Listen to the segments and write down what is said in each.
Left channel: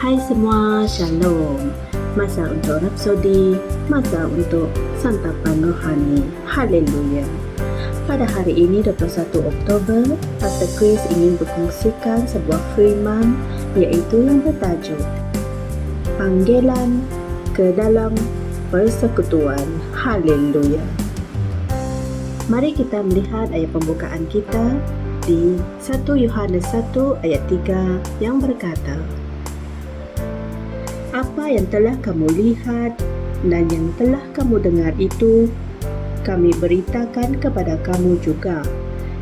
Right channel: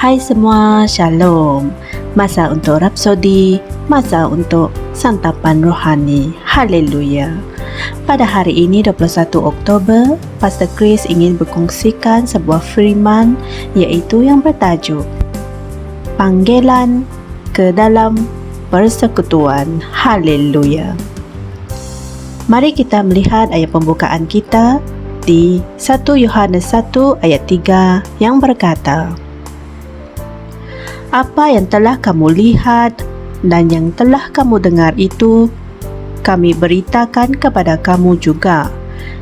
Hai semua, Shalom. Masa untuk Rapsodi, masa untuk santapan rohani. Haleluya. Pada hari ini 21 Oktober, Pastor Chris ingin berkongsikan sebuah firman iaitu yang bertajuk Panggilan ke dalam persekutuan. Haleluya. Mari kita melihat ayat pembukaan kita di 1 Yohanes 1 ayat 3 yang berkata, apa yang telah kamu lihat dan yang telah kamu dengar itu kami beritakan kepada kamu juga,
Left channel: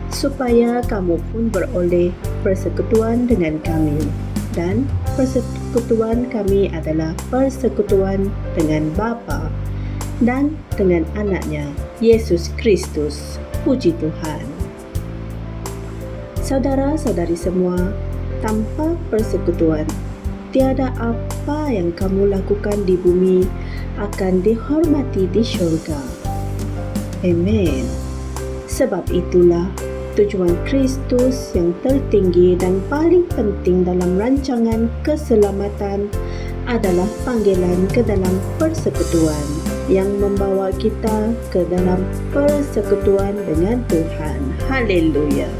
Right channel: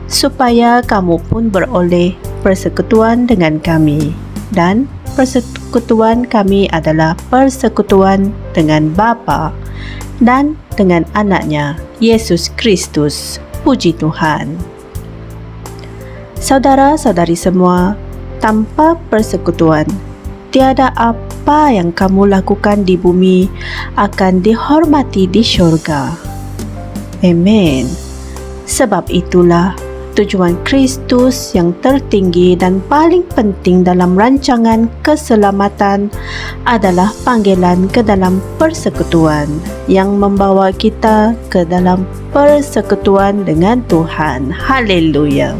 supaya kamu pun beroleh persekutuan dengan kami. Dan persekutuan kami adalah persekutuan dengan Bapa dan dengan anaknya, Yesus Kristus. Puji Tuhan. Saudara-saudari semua, tanpa persekutuan, tiada apa yang kamu lakukan di bumi akan dihormati di syurga. Amen. Sebab itulah tujuan Kristus yang tertinggi dan paling penting dalam rancangan keselamatan adalah panggilan ke dalam persekutuan yang membawa kita ke dalam persekutuan dengan Tuhan. Haleluya.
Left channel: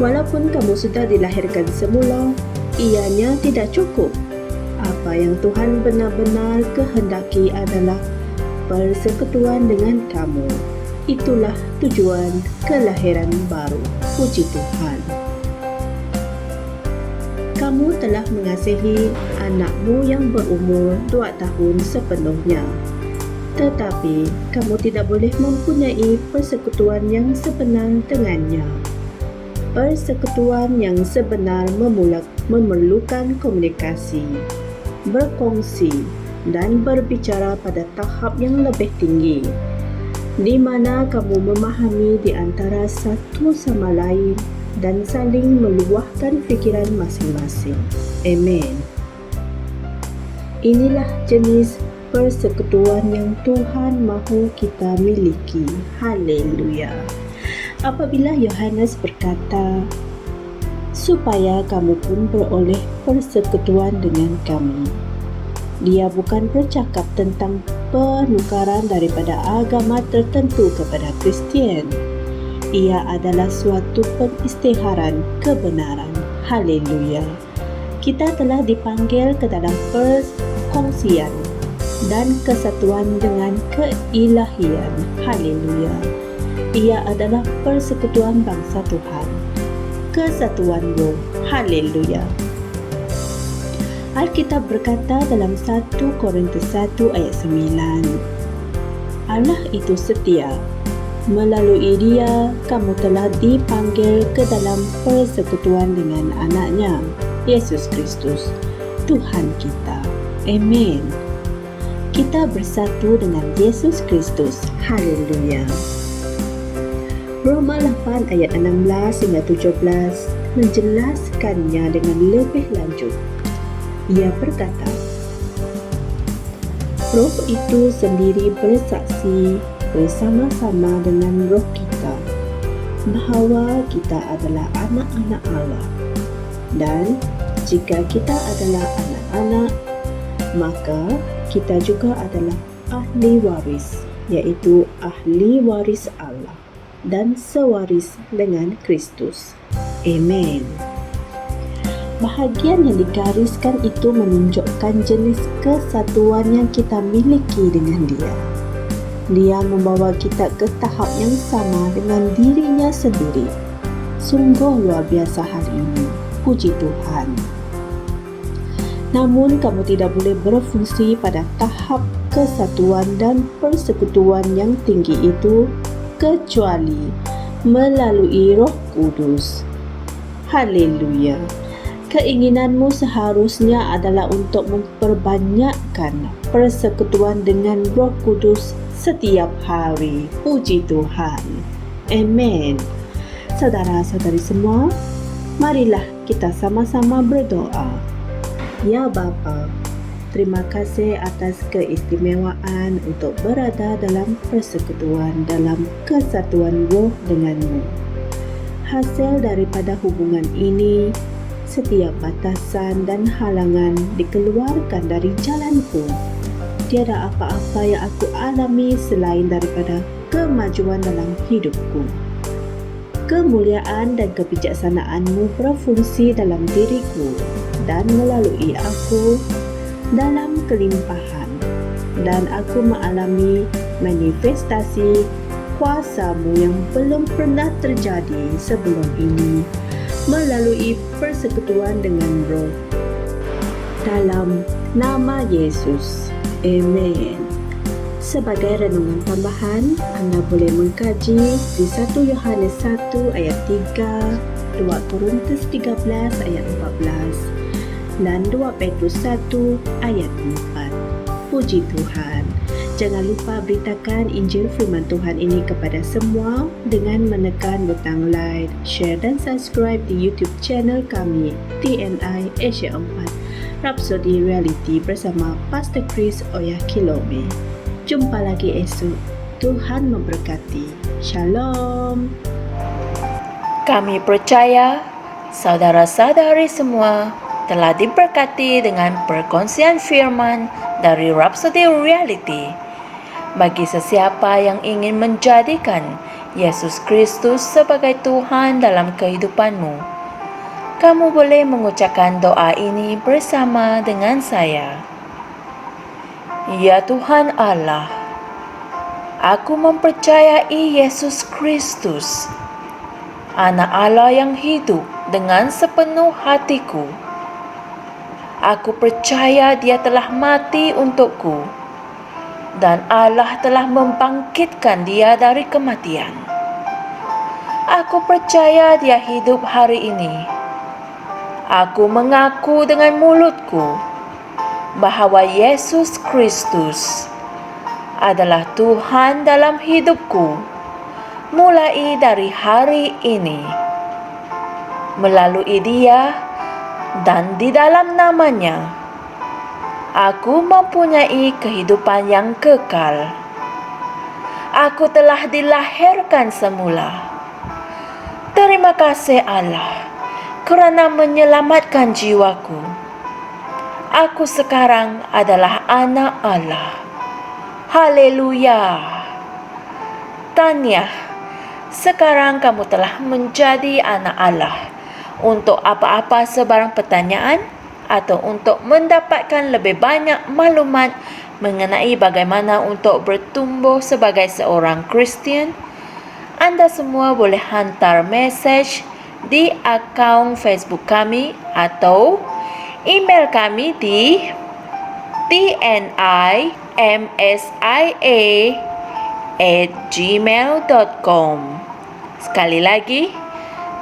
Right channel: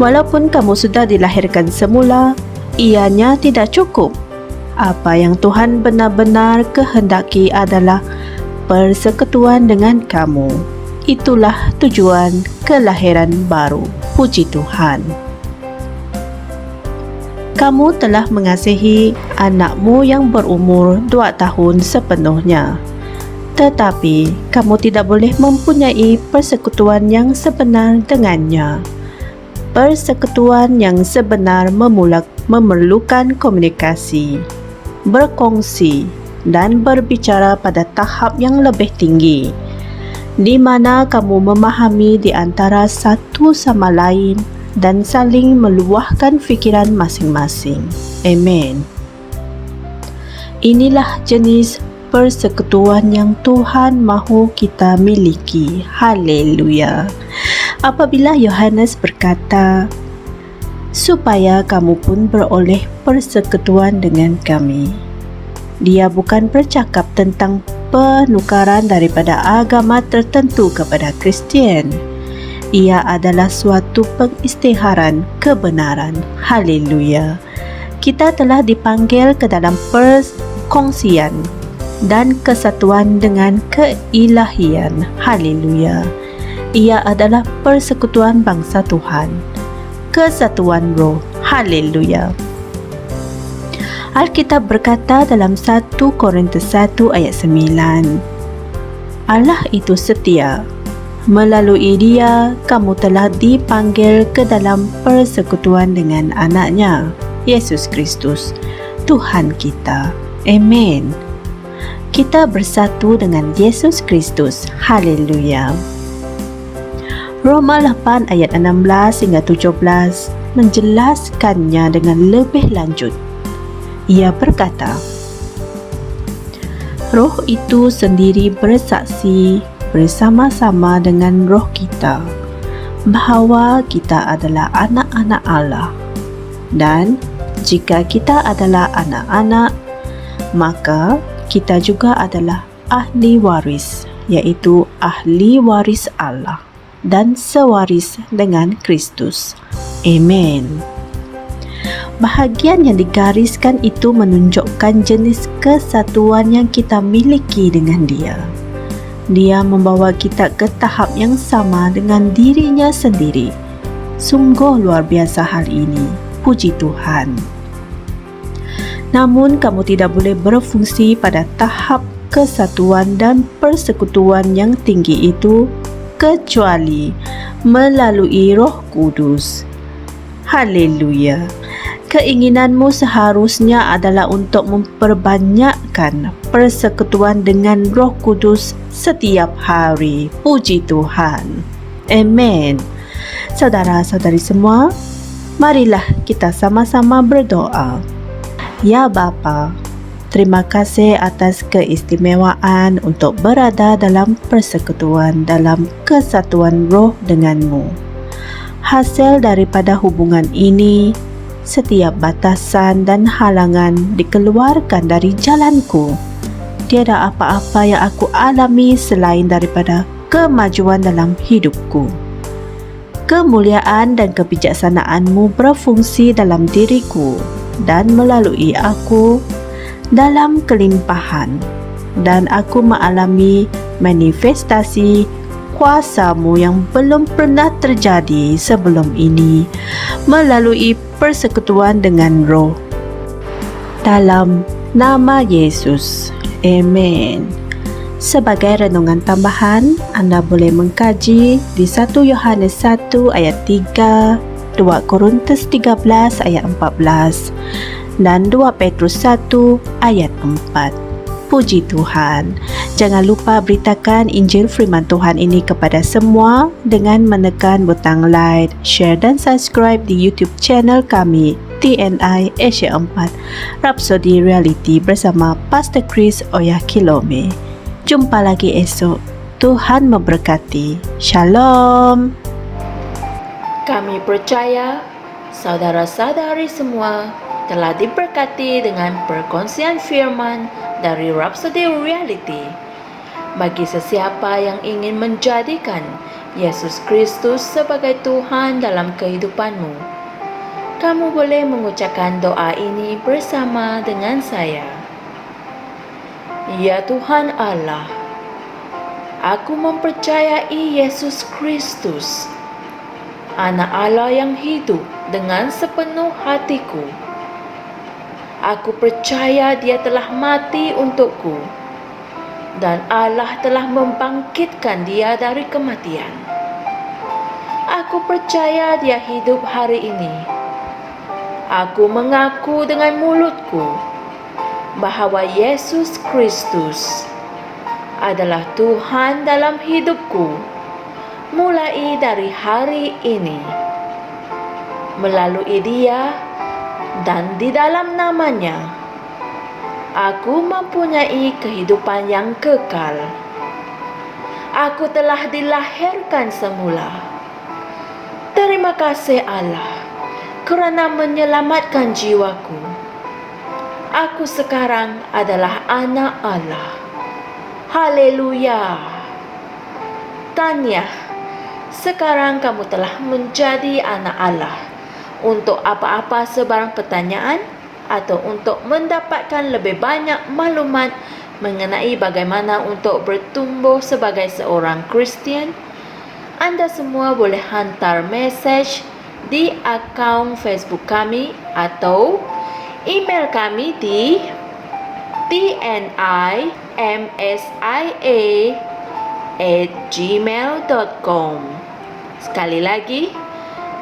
Walaupun kamu sudah dilahirkan semula, ianya tidak cukup. Apa yang Tuhan benar-benar kehendaki adalah persekutuan dengan kamu. Itulah tujuan kelahiran baru. Puji Tuhan. Kamu telah mengasihi anakmu yang berumur 2 tahun sepenuhnya. Tetapi kamu tidak boleh mempunyai persekutuan yang sebenar dengannya. Persekutuan yang sebenar memerlukan komunikasi, berkongsi, dan berbicara pada tahap yang lebih tinggi, di mana kamu memahami di antara satu sama lain dan saling meluahkan fikiran masing-masing. Amen. Inilah jenis persekutuan yang Tuhan mahu kita miliki. Haleluya. Apabila Yohanes berkata, supaya kamu pun beroleh persekutuan dengan kami, dia bukan bercakap tentang penukaran daripada agama tertentu kepada Kristian. Ia adalah suatu pengisytiharan kebenaran. Haleluya. Kita telah dipanggil ke dalam perkongsian dan kesatuan dengan keilahian. Haleluya. Ia adalah persekutuan bangsa Tuhan, kesatuan roh. Haleluya. Alkitab berkata dalam 1 Korintus 1 ayat 9, Allah itu setia. Melalui dia, kamu telah dipanggil ke dalam persekutuan dengan anaknya, Yesus Kristus, Tuhan kita. Amen. Kita bersatu dengan Yesus Kristus. Haleluya. Roma 8 ayat 16 hingga 17 menjelaskannya dengan lebih lanjut. Ia berkata, Roh itu sendiri bersaksi bersama-sama dengan roh kita bahawa kita adalah anak-anak Allah. Dan jika kita adalah anak-anak, maka kita juga adalah ahli waris, iaitu ahli waris Allah dan sewaris dengan Kristus. Amen. Bahagian yang digariskan itu menunjukkan jenis kesatuan yang kita miliki dengan dia. Dia membawa kita ke tahap yang sama dengan dirinya sendiri. Sungguh luar biasa hal ini. Puji Tuhan. Namun kamu tidak boleh berfungsi pada tahap kesatuan dan persekutuan yang tinggi itu kecuali melalui Roh Kudus. Haleluya. Keinginanmu seharusnya adalah untuk memperbanyakkan persekutuan dengan Roh Kudus setiap hari. Puji Tuhan. Amen. Saudara-saudari semua, marilah kita sama-sama berdoa. Ya Bapa, terima kasih atas keistimewaan untuk berada dalam persekutuan, dalam kesatuan roh denganmu. Hasil daripada hubungan ini Setiap batasan dan halangan dikeluarkan dari jalanku. Tiada apa-apa yang aku alami selain daripada kemajuan dalam hidupku. Kemuliaan dan kebijaksanaan-Mu berfungsi dalam diriku dan melalui aku dalam kelimpahan, dan aku mengalami manifestasi kuasa-Mu yang belum pernah terjadi sebelum ini melalui persekutuan dengan Roh. Dalam nama Yesus. Amen. Sebagai renungan tambahan, anda boleh mengkaji di 1 Yohanes 1 ayat 3, 2 Korintus 13 ayat 14 dan 2 Petrus 1 ayat 4. Puji Tuhan. Jangan lupa beritakan Injil Firman Tuhan ini kepada semua dengan menekan butang like, share dan subscribe di YouTube channel kami TNI Asia 4 Rhapsody Reality bersama Pastor Chris Oyakilome. Jumpa lagi esok. Tuhan memberkati. Shalom. Kami percaya saudara-saudari semua telah diberkati dengan perkongsian firman dari Rhapsody Reality. Bagi sesiapa yang ingin menjadikan Yesus Kristus sebagai Tuhan dalam kehidupanmu, kamu boleh mengucapkan doa ini bersama dengan saya. Ya Tuhan Allah, aku mempercayai Yesus Kristus, Anak Allah yang hidup dengan sepenuh hatiku. Aku percaya Dia telah mati untukku dan Allah telah membangkitkan Dia dari kematian. Aku percaya Dia hidup hari ini. Aku mengaku dengan mulutku bahwa Yesus Kristus adalah Tuhan dalam hidupku mulai dari hari ini. Melalui Dia dan di dalam nama-Nya, aku mempunyai kehidupan yang kekal. Aku telah dilahirkan semula. Terima kasih Allah kerana menyelamatkan jiwaku. Aku sekarang adalah anak Allah. Haleluya. Tahniah, sekarang kamu telah menjadi anak Allah. Untuk apa-apa sebarang pertanyaan atau untuk mendapatkan lebih banyak maklumat mengenai bagaimana untuk bertumbuh sebagai seorang Kristian, anda semua boleh hantar mesej di akaun Facebook kami atau email kami di tnimsia@gmail.com. Sekali lagi,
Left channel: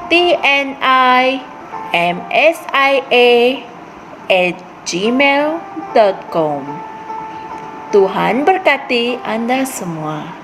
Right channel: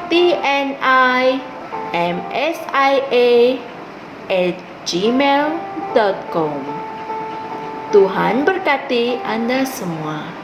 tnimsia@gmail.com. Tuhan berkati anda semua.